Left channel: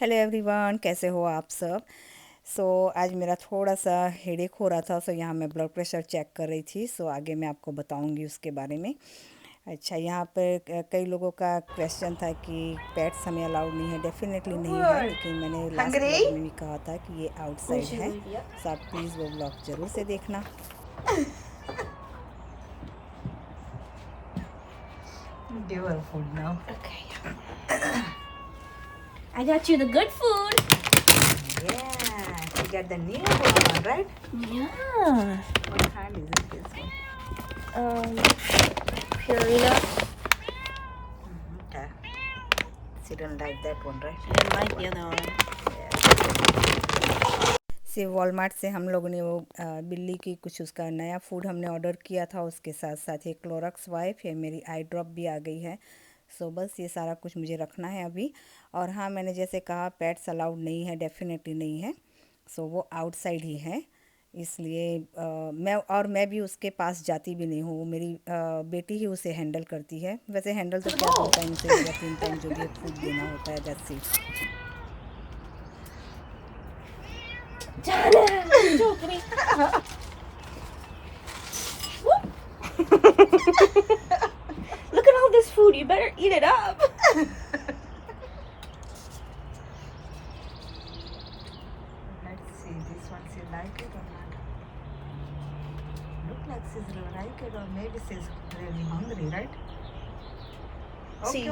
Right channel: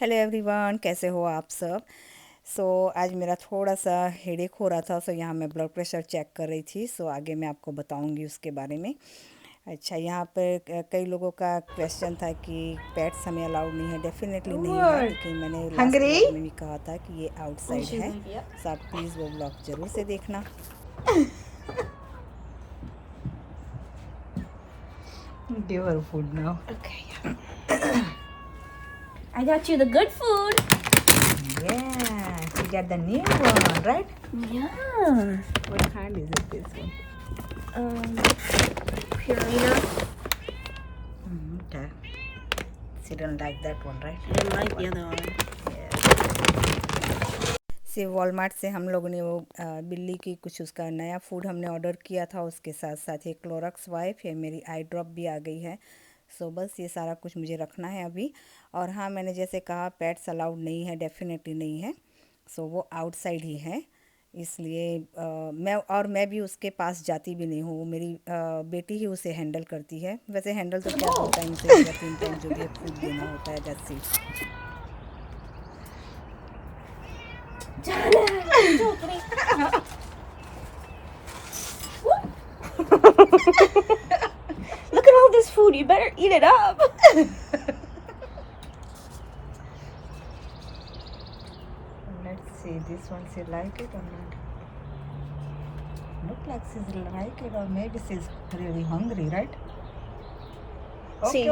Hello everyone, कैसे हो आप सब। आज मेरा थोड़ा सा हेडेक हो रहा था। यहाँ मैं ब्लड प्रेशर चेक कर रही थी। आगे मैं आपको बताऊंगी उसके बारे में। अच्छा, यहाँ पर कई लोगों का क्वेश्चन था कि पेट्स हमें अलाउड नहीं है। डेफिनेटली नहीं है, Good. लेकिन मैंने लास्ट Hungry? व्लॉग में भी कहा था कि ये आउटसाइड है। आप प्लीज़ वो व्लॉग ज़रूर से देखना। Give her food now. Okay. I got you the good food. Yeah, she got the new one, right? Yeah. What kind is it, this one? Purina. Okay. She don't like that one, right? I didn't like the other one. Walmart से हम लोगों ने वो बिल्ली की कुछ उसका नया फूड हमने ऑर्डर किया था। उसके साथ साथ एक क्लोरक्स वाइप है, मेरी आई ड्रॉप भी आ गई है। बस ये सारा कुछ मुझे रखना है अभी। और हाँ, मैंने जैसे कहा पेट्स अलाउड नहीं है, डेफिनेटली नहीं है। वो आउटसाइड ही है। इसलिए मैं भी उसके पास जाती भी नहीं हूँ। वो मेरी बेटी ही उसे हैंडल करती है। वैसे हैंडल तो क्या, 2 टाइम से या 3 टाइम जो भी है फूड देना होता है, that's it. Look at all this food. You better eat it up. Let's see, this one she like it or not? Look like she's like it, or maybe she's really hungry, right? See,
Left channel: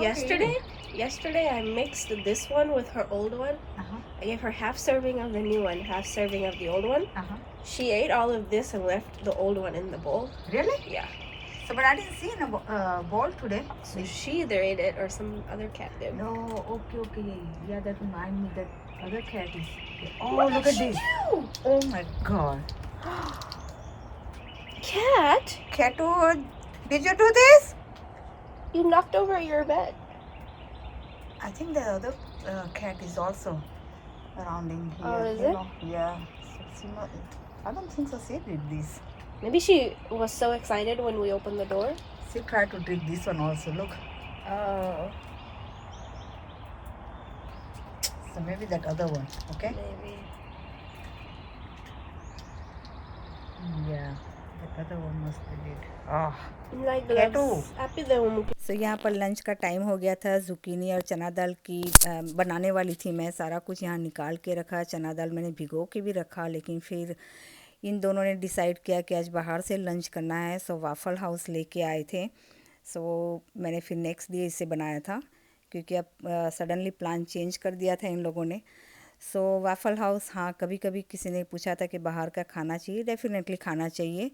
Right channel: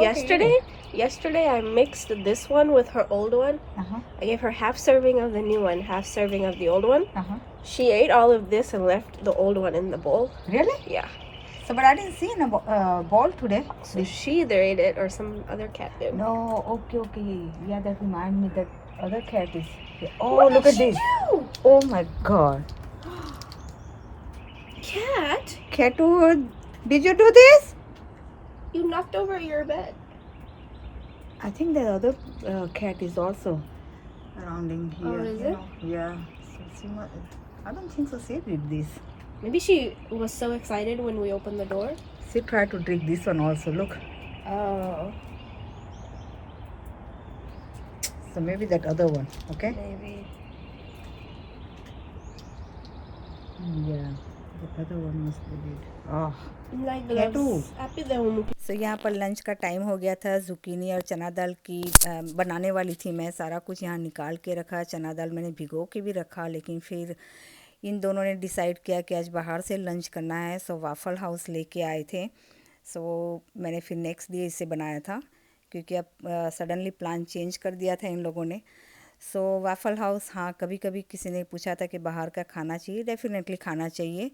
yesterday I mixed this one with her old one. Uh-huh. I gave her half serving of the new one, half serving of the old one. Uh-huh. She ate all of this and left the old one in the bowl. Really? Yeah. So, but I didn't see in a bowl today. So she either ate it or some other cat did. No, okay. Yeah, that reminds me that other cat is here. Oh, What look did at she this. do? Oh my God. Cat, Catwood, did you do this? you knocked over your bed. I think the other cat is also surrounding here. Oh, is you it? know. Yeah. So she not, I don't think so. She did this. Maybe she was so excited when we opened the door. She tried to drink this one also. Look. Oh. So maybe that other one. Okay. Maybe. Yeah. The other one must be dead. Ah. Like Catu. Happy the home. यहाँ पर lunch का time हो गया था। Zucchini और चना दाल की बनाने वाली थी मैं। सारा कुछ यहाँ निकाल के रखा। चना दाल मैंने भिगो के भी रखा, लेकिन फिर इन दोनों ने डिसाइड किया कि आज बाहर से लंच करना है। वाफल हाउस लेके आए थे। मैंने फिर नेक्स्ट डे इसे बनाया था, क्योंकि अब सडनली प्लान चेंज कर दिया था इन लोगों ने। वाफल हाउस, हाँ, कभी कभी किसी ने पूछा था कि बाहर का खाना चाहिए, डेफिनेटली खाना चाहिए।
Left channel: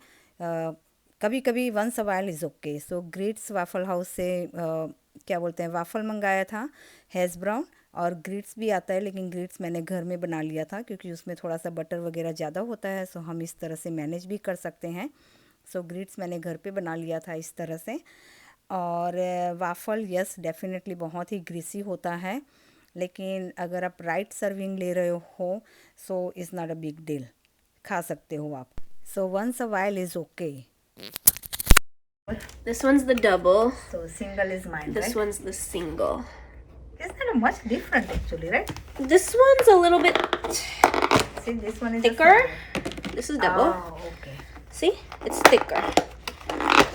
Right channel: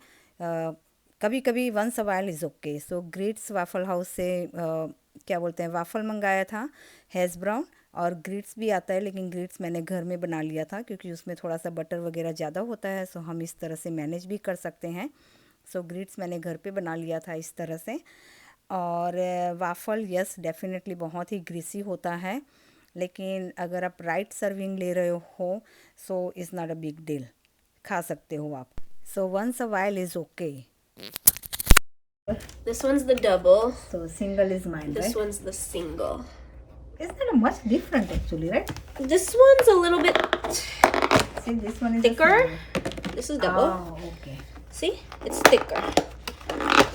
कभी कभी once a while is okay. Greets Waffle House से क्या बोलते हैं, वाफल मंगाया था, हैज़ ब्राउन, और ग्रीट्स भी आता है, लेकिन ग्रीट्स मैंने घर में बना लिया था क्योंकि उसमें थोड़ा सा बटर वगैरह ज़्यादा होता है। हम इस तरह से मैनेज भी कर सकते हैं। ग्रीट्स मैंने घर पे बना लिया था इस तरह से। और वाफल, यस, डेफिनेटली बहुत ही ग्रीसी होता है, लेकिन अगर आप राइट सर्विंग ले रहे हो is not a big deal, खा सकते हो आप। Once a while is okay. This one's the double. Single is mine, This right? one's the single. Isn't it much different actually, right? This one's a little bit See, this one is thicker. A This is double. oh, okay. See? It's thicker.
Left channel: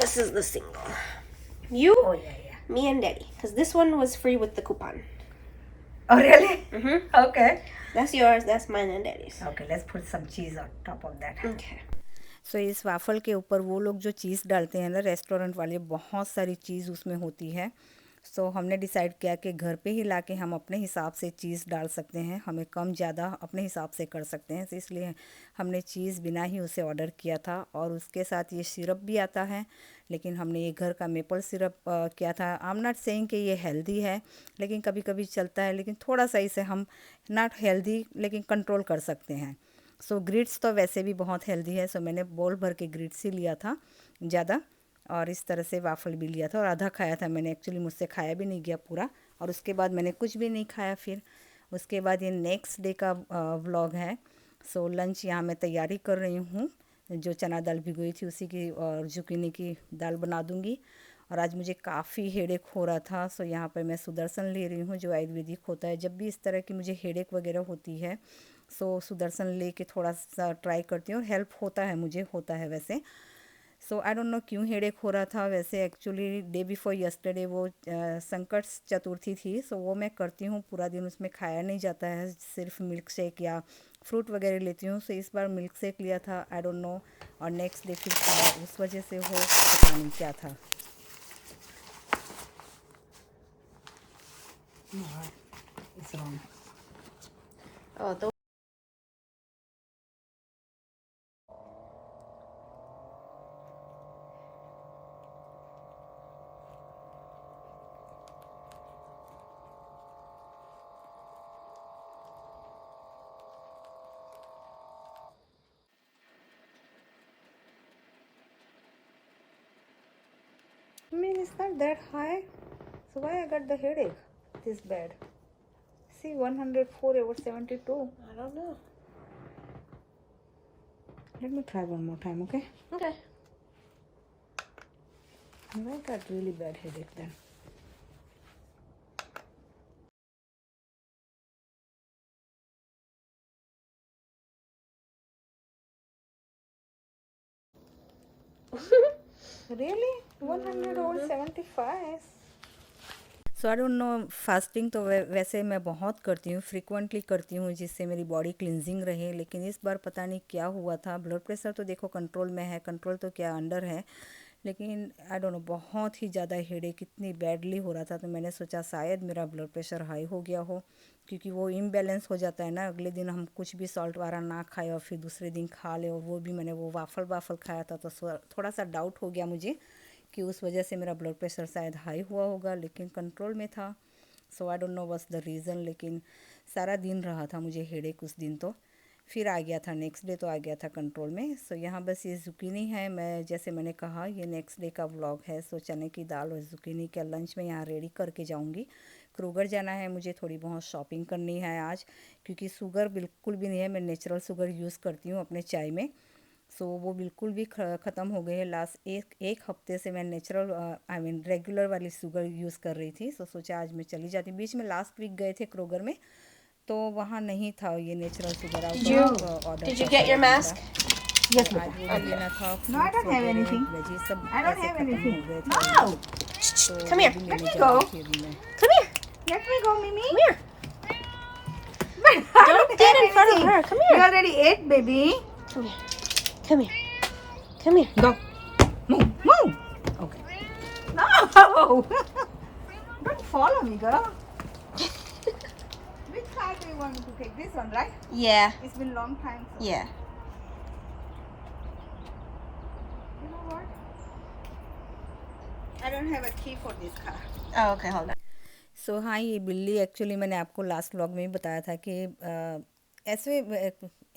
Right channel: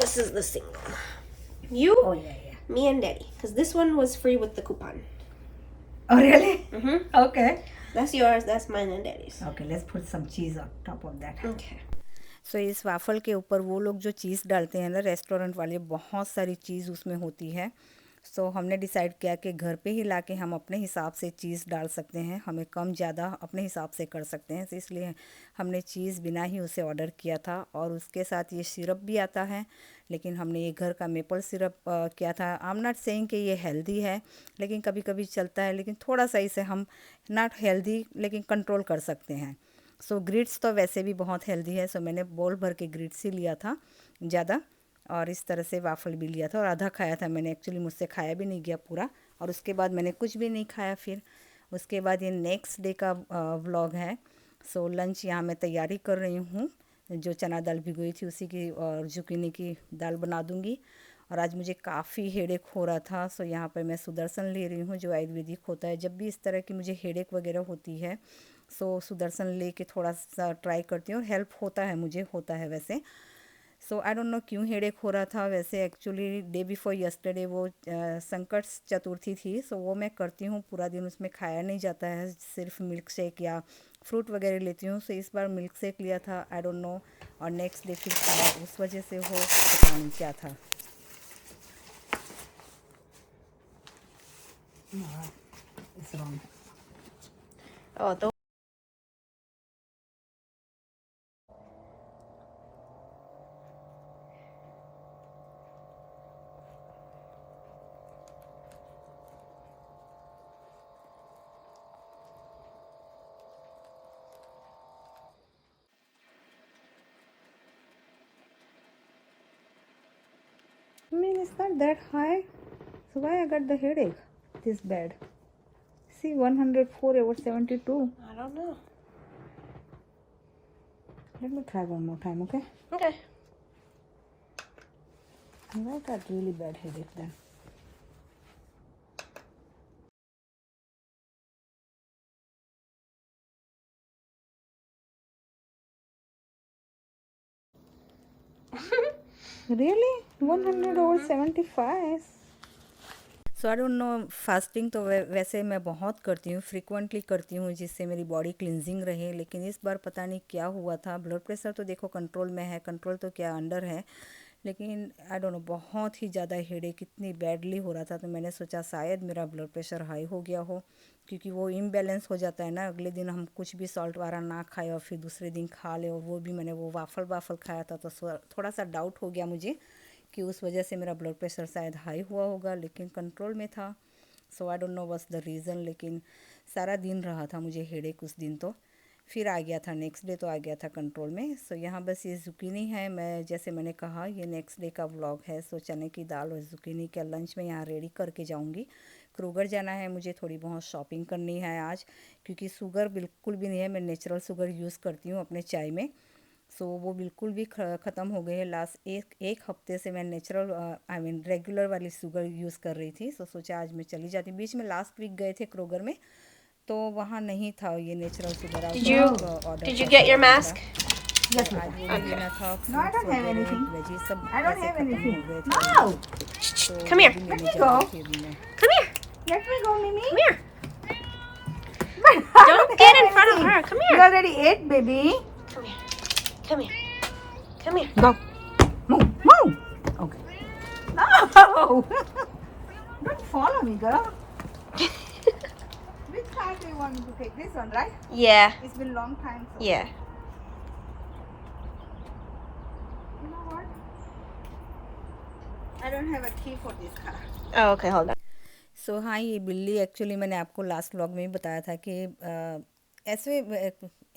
This is the single. You, Oh, yeah. me, and Daddy. Because this one was free with the coupon. Oh, really? Mm-hmm. Okay. That's yours. That's mine and Daddy's. Okay, let's put some cheese on top of that. Okay. इस वाफ़ल के ऊपर वो लोग जो चीज़ डालते हैं ना, restaurant वाले, बहुत सारी चीज़ उसमें होती है। हमने डिसाइड किया कि घर पे ही लाके हम अपने हिसाब से चीज़ डाल सकते हैं, हमें कम ज़्यादा अपने हिसाब से कर सकते हैं। इसलिए हमने चीज़ बिना ही उसे ऑर्डर किया था। और उसके साथ ये सिरप भी आता है, लेकिन हमने ये घर का मेपल सिरप किया था। आई एम नॉट सेइंग कि ये हेल्दी है, लेकिन कभी कभी चलता है, लेकिन थोड़ा सा इसे हम नॉट हेल्दी लेकिन कंट्रोल कर सकते हैं। ग्रिट्स तो वैसे भी बहुत हेल्दी है। मैंने बोल भर के ग्रिट्स ही लिया था ज़्यादा, और इस तरह से वाफल भी लिया था, और आधा खाया था मैंने। एक्चुअली मुझसे खाया भी नहीं गया पूरा, और उसके बाद मैंने कुछ भी नहीं खाया। फिर उसके बाद ये नेक्स्ट डे का व्लॉग है। लंच यहाँ मैं तैयारी कर रही हूँ। जो चना दाल भिगोई थी उसी की, और जुकीनी की दाल बना दूँगी। और आज मुझे काफ़ी हेडेक हो रहा था। सो यहाँ पर मैं सुदर्शन ले रही हूँ जो आयुर्वेदिक होता है। जब भी इस तरह की मुझे हेडेक वगैरह होती है सो सुदर्शन ले के थोड़ा सा ट्राई करती हूँ और हेल्प होता है, मुझे होता है वैसे। सो आई डोंट नो क्यों हेडेक हो रहा था। वैसे एक्चुअली डे बिफोर यस्टरडे वो संकट चतुर्थी थी, सो वो मैं करती हूँ पूरा दिन, उसमें खाया नहीं जाता है, सिर्फ मिल्क शेक या फ्रूट वगैरह लेती हूँ। सो इस बार मिल्क शेक लिया था, आई डोंट नो, और नेक्स्ट डे फिर खाया, उस वजह से हो पता नहीं क्या था। No, it's wrong. Oh, the I mean, it's not that high. So why I got the headache this bad? See, 104 over 72. I don't know. Let me try one more time, okay? Okay. I got really bad headache then. Really? 100 over 75? So I don't no, fasting तो वैसे मैं बहुत करती हूँ, frequently करती हूँ, जिससे मेरी बॉडी क्लिनजिंग रहे। लेकिन इस बार पता नहीं क्या हुआ था। ब्लड प्रेशर तो देखो कंट्रोल में है, कंट्रोल तो क्या अंडर है, लेकिन आई डोंट नो बहुत ही ज़्यादा हेडेक इतनी बैडली हो रहा था। तो मैंने सोचा शायद मेरा ब्लड प्रेशर हाई हो गया हो, क्योंकि वो इम्बैलेंस हो जाता है ना। अगले दिन हम कुछ भी सॉल्ट वाला ना खाए और फिर दूसरे दिन खा ले, और वो भी मैंने वो वाफल खाया था, तो थोड़ा सा डाउट हो गया मुझे कि उस वजह से मेरा ब्लड प्रेशर शायद हाई हुआ होगा, लेकिन कंट्रोल में था। So I don't know what's the reason, लेकिन सारा दिन रहा था मुझे हेडेक उस दिन। तो फिर आ गया था, नेक्स्ट डे तो आ गया था कंट्रोल में। सो यहाँ बस ये ज़ुकीनी है, मैं जैसे मैंने कहा ये नेक्स्ट डे का व्लॉग है। सो चने की दाल और ज़ुकीनी का लंच में यहाँ रेडी करके जाऊँगी। क्रूगर जाना है मुझे, थोड़ी बहुत शॉपिंग करनी है आज, क्योंकि शुगर बिल्कुल भी नहीं है। मैं नेचुरल शुगर यूज़ करती हूँ अपने चाय में, सो वो बिल्कुल भी ख़त्म हो गई है। लास्ट एक हफ्ते से मैं नेचुरल आई मीन रेगुलर वाली शुगर यूज़ कर रही थी। सो सोचा आज मैं चली जाती। बीच में लास्ट वीक गए थे क्रोगर में, तो वहाँ नहीं था ये natural sugar, out of order Did you था get your शायद mask? उनका। Yes, तो आज madam. वो भी लेना था। No, I fruits don't have वगैरह anything. वेजी सब I don't ऐसे have ख़त्म anything. हो गए थे No! ऑलरेडी, तो Come वो here. भी Let लेने me जा go. रही थी अभी मैं। Come here. Let me go, Mimi. Come here. But I Don't don't get have in front of anything. her. Come You here. already ate, baby. Come here. Come here. Come here. Go. Move. Move. Okay. No! Don't follow me, girl. Which side do you want me to take? This one, right? Yeah. It's been a long time. So. Yeah. You know what? I don't have a key for this car. Oh, okay. Hold on. सो हाँ, ये बिल्ली actually मैंने आपको last vlog में ही बताया था कि ऐसे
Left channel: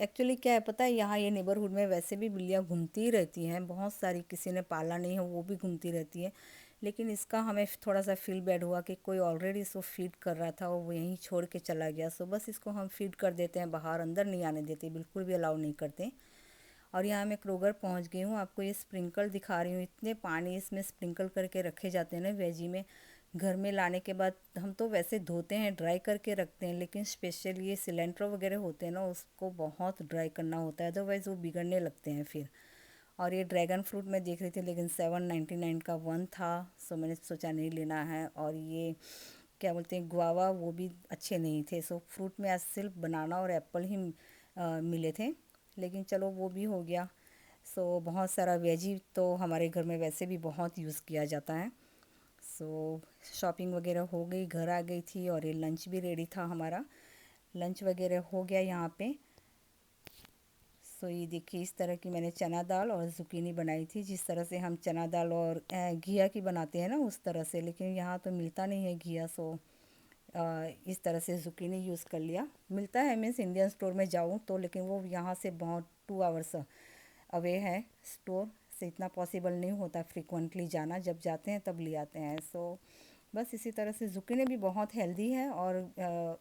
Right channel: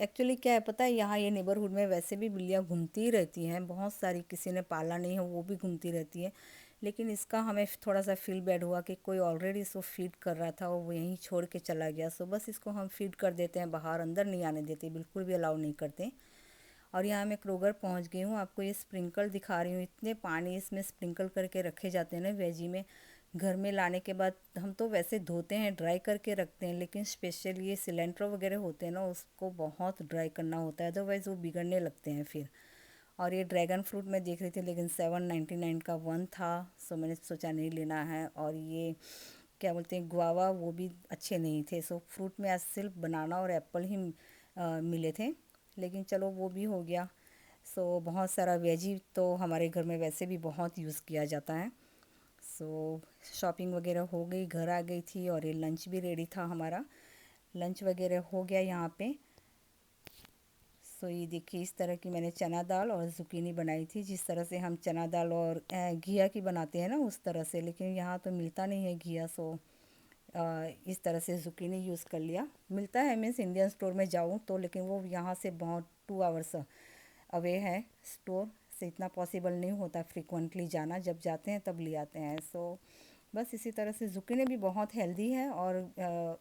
एक्चुअली क्या है पता है, यहाँ ये नेबरहुड में वैसे भी बिल्लियाँ घूमती ही रहती हैं बहुत सारी। किसी ने पाला नहीं है वो भी घूमती रहती है, लेकिन इसका हमें थोड़ा सा फील बैड हुआ कि कोई ऑलरेडी इसको फीड कर रहा था और वो यहीं छोड़ के चला गया। सो बस इसको हम फीड कर देते हैं, बाहर अंदर नहीं आने देते, बिल्कुल भी अलाउ नहीं करते। और यहाँ मैं क्रोगर पहुँच गई हूँ, आपको ये स्प्रिंकल दिखा रही हूँ। इतने पानी इसमें स्प्रिंकल करके रखे जाते हैं ना वेजी में। घर में लाने के बाद हम तो वैसे धोते हैं, ड्राई करके रखते हैं, लेकिन स्पेशल ये सिलेंडर वगैरह होते हैं ना, उसको बहुत ड्राई करना होता है, अदरवाइज़ वो बिगड़ने लगते हैं फिर। और ये ड्रैगन फ्रूट मैं देख रही थी, लेकिन 799 का वन था, सो मैंने सोचा नहीं लेना है। और ये क्या बोलते हैं गुआवा, वो भी अच्छे नहीं थे। सो फ्रूट में आज सिर्फ बनाना और एप्पल ही मिले थे, लेकिन चलो वो भी हो गया। सो बहुत सारा वेजी तो हमारे घर में वैसे भी बहुत यूज़ किया जाता है। सो शॉपिंग वगैरह हो गई, घर आ गई थी, और ये लंच भी रेडी था हमारा। लंच वगैरह हो गया यहाँ पे। सो ये देखिए इस तरह की मैंने चना दाल और ज़ुकीनी बनाई थी, जिस तरह से हम चना दाल और घिया की बनाते हैं ना उस तरह से, लेकिन यहाँ तो मिलता नहीं है घिया। सो इस तरह से ज़ुकीनी यूज़ कर लिया। मिलता है मीन्स इंडियन स्टोर में जाऊँ तो, लेकिन वो यहाँ से बहुत 2 आवर्स अवे है स्टोर से, इतना पॉसिबल नहीं होता फ्रिक्वेंटली जाना, जब जाते हैं तब ले आते हैं। सो बस इसी तरह से ज़ुकीनी भी बहुत हेल्दी है, और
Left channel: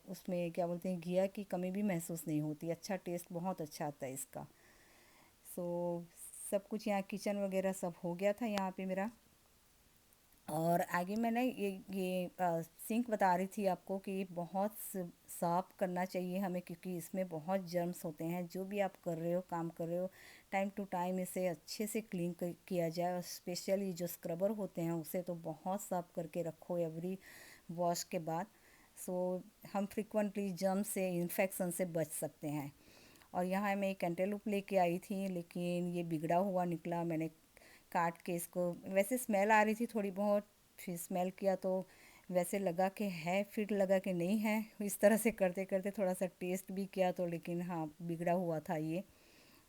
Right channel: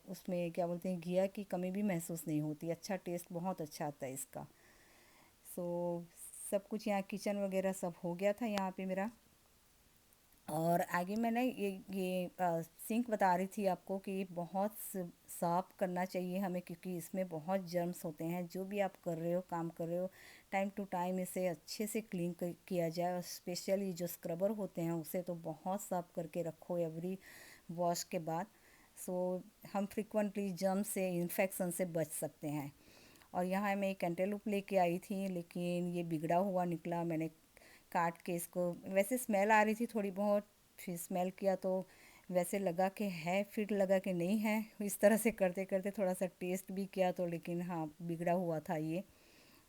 उसमें क्या बोलते हैं घिया की कमी भी महसूस नहीं होती, अच्छा टेस्ट बहुत अच्छा आता है इसका। सो सब कुछ यहाँ किचन वगैरह सब हो गया था यहाँ पे मेरा। और आगे मैंने ये सिंक बता रही थी आपको कि बहुत साफ़ करना चाहिए हमें, क्योंकि इसमें बहुत जर्म्स होते हैं। जो भी आप कर रहे हो, काम कर रहे हो, टाइम टू टाइम इसे अच्छे से क्लीन किया जाए। और स्पेशली जो स्क्रबर होते हैं उसे तो बहुत साफ़ करके रखो एवरी वॉश के बाद। सो हम फ्रिक्वेंटली जर्म्स से, इन्फेक्शन से बच सकते हैं। और यहाँ मैं एक कैंटेलूप लेके आई थी, लेकिन ये बिगड़ा हुआ निकला। मैंने काट के इसको, वैसे स्मेल आ रही थी थोड़ी बहुत, फिर स्मेल किया तो वैसे लगा कि है, फिर लगा कि नहीं है। इस तरह से करते करते थोड़ा सा टेस्ट भी किया तो, लेकिन हाँ बिगड़ा हुआ था ये।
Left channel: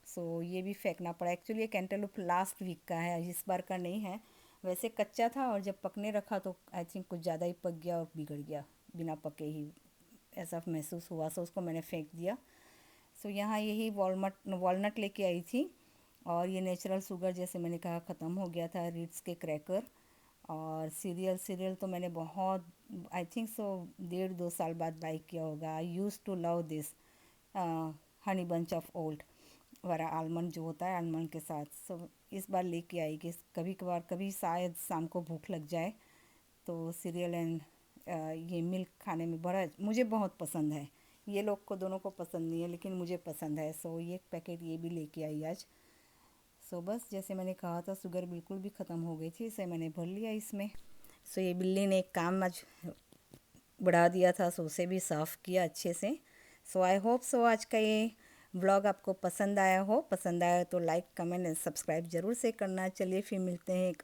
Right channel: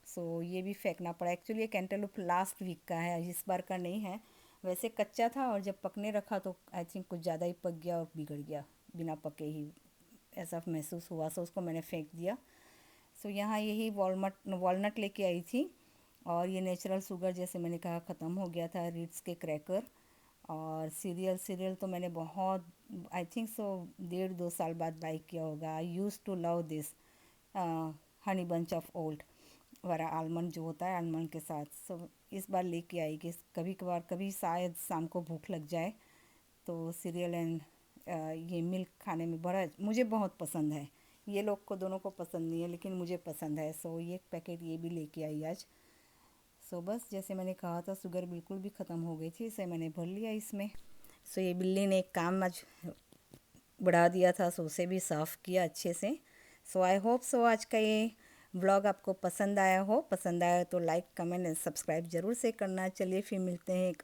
सो ये भी फेंकना पड़ा। एक्चुअली ये कैंटेलूप लास्ट वीक का है, इस बार का नहीं है। वैसे कच्चा था और जब पकने रखा तो आई थिंक कुछ ज़्यादा ही पक गया और बिगड़ गया, बिना पके ही ऐसा महसूस हुआ। सो उसको मैंने फेंक दिया। सो यहाँ यही वॉलनट लेके आई थी। और ये नेचुरल शुगर, जैसे मैंने कहा, ख़त्म हो गया था। रीड्स के क्रैकर और सीरियल तो मैंने बहुत, आई थिंक सो 1.5-2 साल बाद बाई किया होगा। I used to love this honey bunch of old वाला आलमंड जो होता है, आलमंड के साथ। सो इस बार लेके आई कि कभी कभार, कभी शायद शाम को भूख लग जाए तो सीरियल एंड ये मिल्क खाने में बड़ा मुझे बहुत पसंद है। ये लोग को दोनों को पसंद नहीं है, लेकिन मुझे पसंद है। सो ये पैकेट ये भी लेके आई आज। सो बस जैसे मैंने कहा था, शुगर बिल्कुल भी ख़त्म हो गई थी, इसे मैंने भर लिया इसमें। सो ये बिल्ली ने एक काम आज बढ़ा दिया था, सो उसे भी साफ़ किया अच्छे से। सो आई होप सो आज का ये व्लॉग आपको पसंद आया हो। पसंद आया तो लाइक, कमेंट एंड सब्सक्राइब ज़रूर से करना। चलिए फिर मिलते हैं एक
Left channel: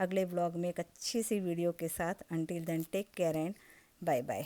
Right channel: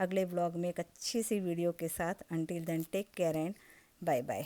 अगले व्लॉग में एक अच्छी सी वीडियो के साथ। Until then take care and bye bye.